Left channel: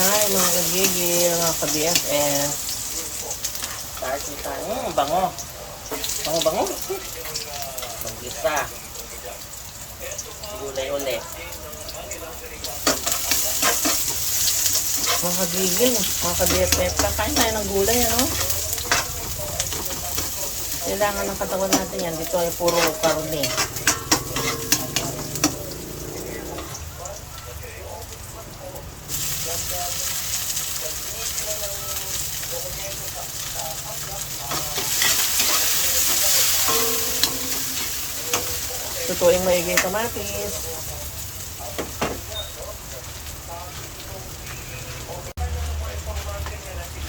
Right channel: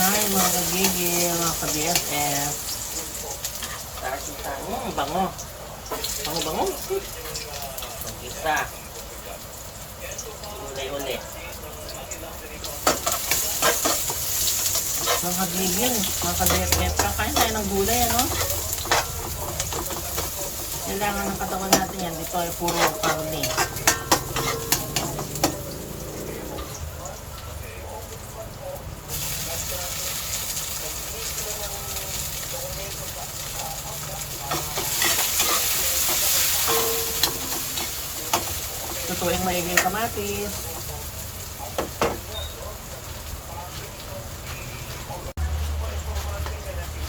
Hi mga kagigil, mga ka-BFF. Mm, bango. Bango, bango. Isa. Gulay uli. Mga kagigil, mga ka-BFF, kakain tayo ng gulay, ano? Kailangan ng katawan natin yan. Dito ay puro karne. Tutuing maigi yung kamatis.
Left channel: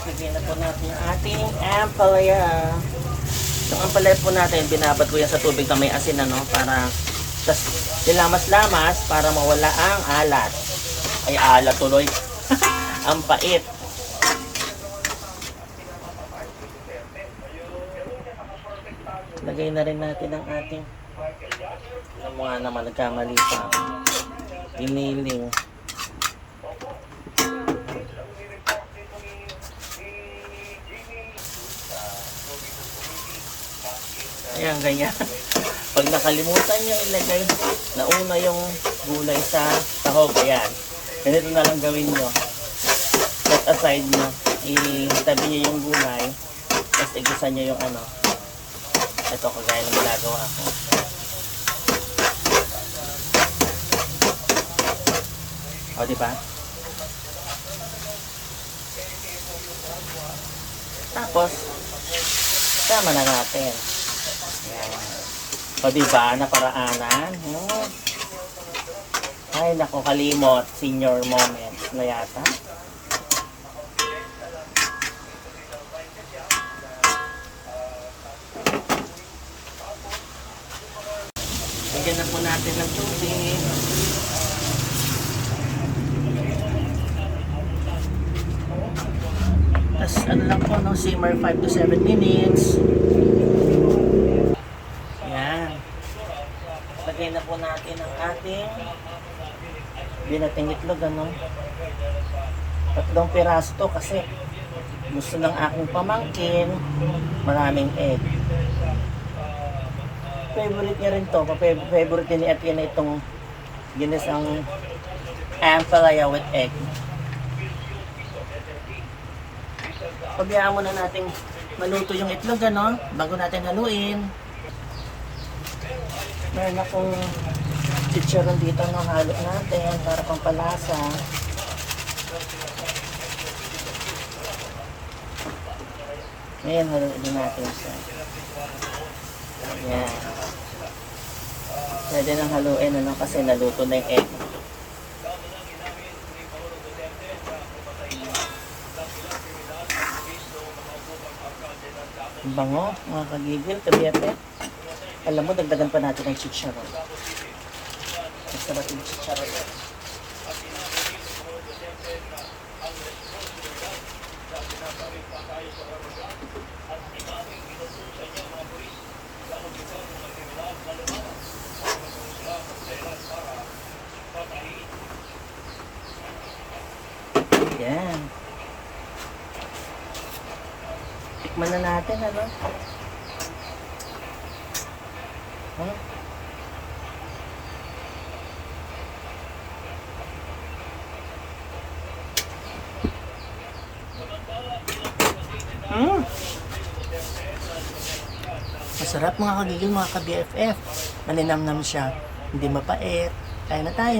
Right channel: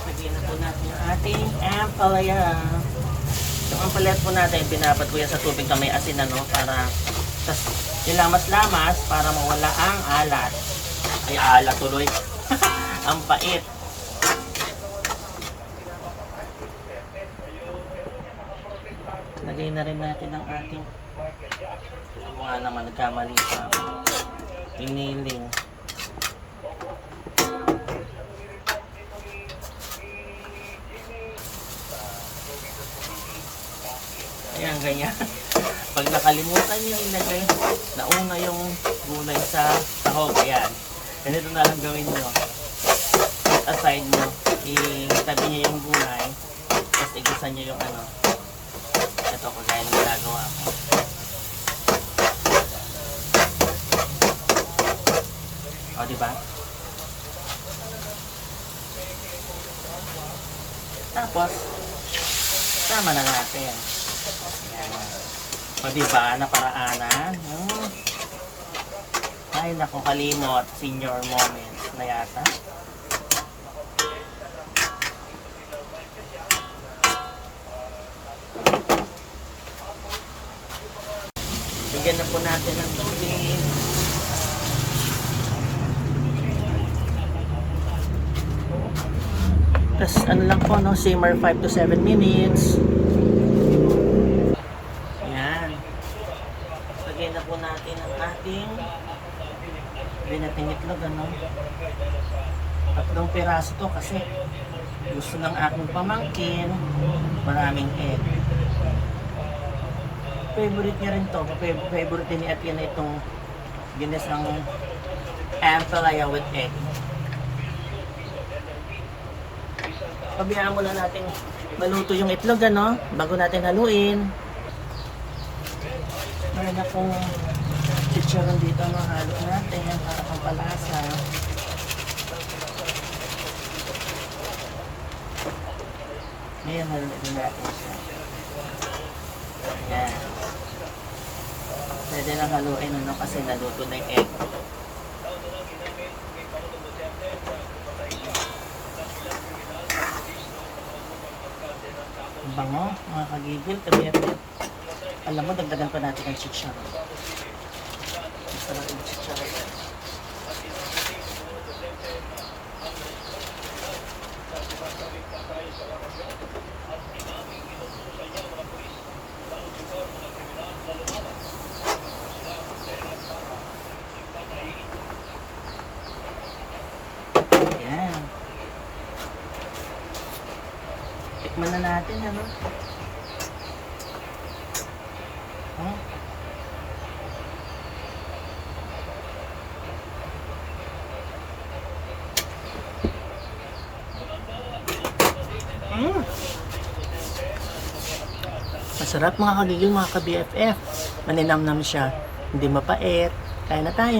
Lagyan na po natin yung ating ampalaya. Yung ampalaya po natin, binabad ko yan sa tubig na may asin ano, para tas nilamas-lamas para mawala ang alat. Ay, alat tuloy. ang pait. Lagay na rin natin ang ating alam mo nga naman, nagkamali siya. Emailing. Ayan, ganyan. Pag nakalimutan nyo ilagay, nauna yung gulay sa tahog. Ayan. Ganito na lang gawin nyo. Set aside nyo. Itabi nyo yung gulay. Tapos igisa nyo yung ano. Ito, kagaya ng ginagawa ko. O, di ba? Tapos, sama na natin. O, di ba? Naparaanan. Hmm. Ay, nako, kalimot. Senior moment na yata. Bigyan na po natin ng tubig. Tapos ano lang po, no? simmer 5 to 7 minutes. Yan. Lagyan na po natin ang ating binating itlog, ano? Tatlong piraso to kasi gusto ng aking pamangkin maraming egg. Favorite niya rin to. Favorite din ni Epia na itong ginisang ampalaya with egg. Pabayaan muna natin maluto yung itlog, ano? Bago natin haluin. Meron akong chicharon dito ng halo natin para pang palasa. Ngayon, haluin natin siya. Yan. Pwede na haluin, ano? Kasi naluto na yung egg. Ang bango, mga kagigil, kabiyate. Alam mo, dagdagan pa natin ng chicharon. Masarap yung chicharon. Yan. Tikman na natin, ano? Huh? Mm. Masarap mga kagigil, mga ka-BFF. Maninamnam siya. Hindi mapait. Kaya na tayo.